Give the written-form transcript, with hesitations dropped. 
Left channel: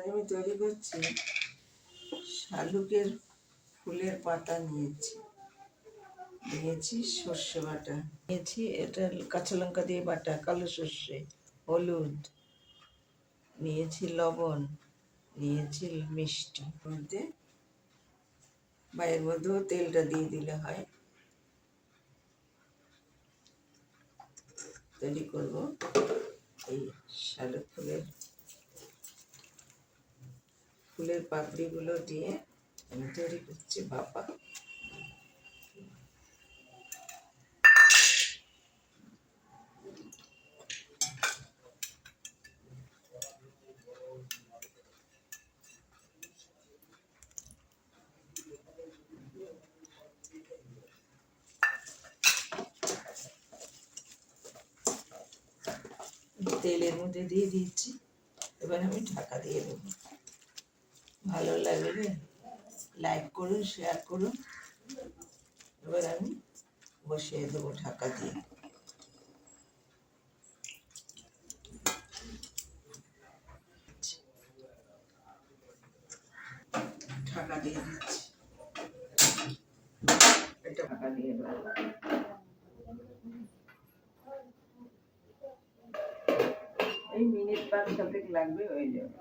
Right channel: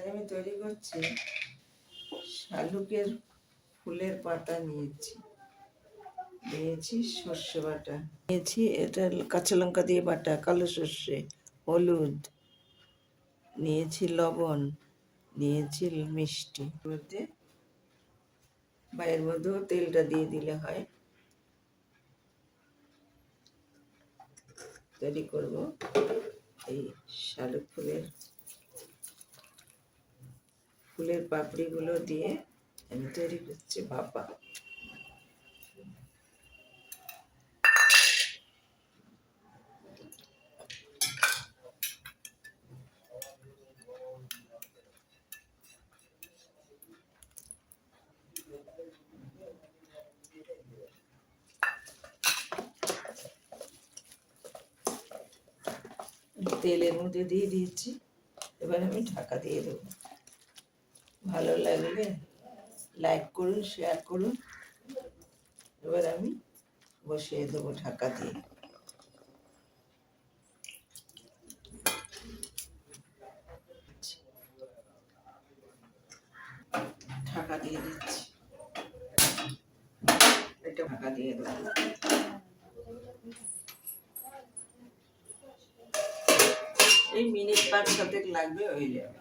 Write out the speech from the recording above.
আজ আমি তৈরি করছি শালুকের ফুলের পাতা নিয়েছি সর্ষে বাটা নিয়েছি, এটা কাঁচা লঙ্কা দিয়ে বাটা, কালো সর্ষে, হলুদ নিয়েছি, লবণ নিয়েছি, মিষ্টি মধ্যে বাইরের মধ্যেও তেলটা দিয়ে দিলে হয়। তৈরি করব এই শালুক ফুলের পাপড়িগুলো দিয়ে আমি তৈরি করছি ভাপা। তেলের মধ্যে দিয়ে দিয়েছি, এবার আমি ঢাকা দিয়ে দেবো। ভালো লাগলে লাইক করুন, শেয়ার করুন। এবার আমি বসিয়ে দেবো ঢাকা দিয়ে। ঢাকা দিয়ে দিচ্ছি, এটা ঢাকা দিয়ে দেবো। এই মিনিট 5-7 লাগবে, হয়ে যাবে।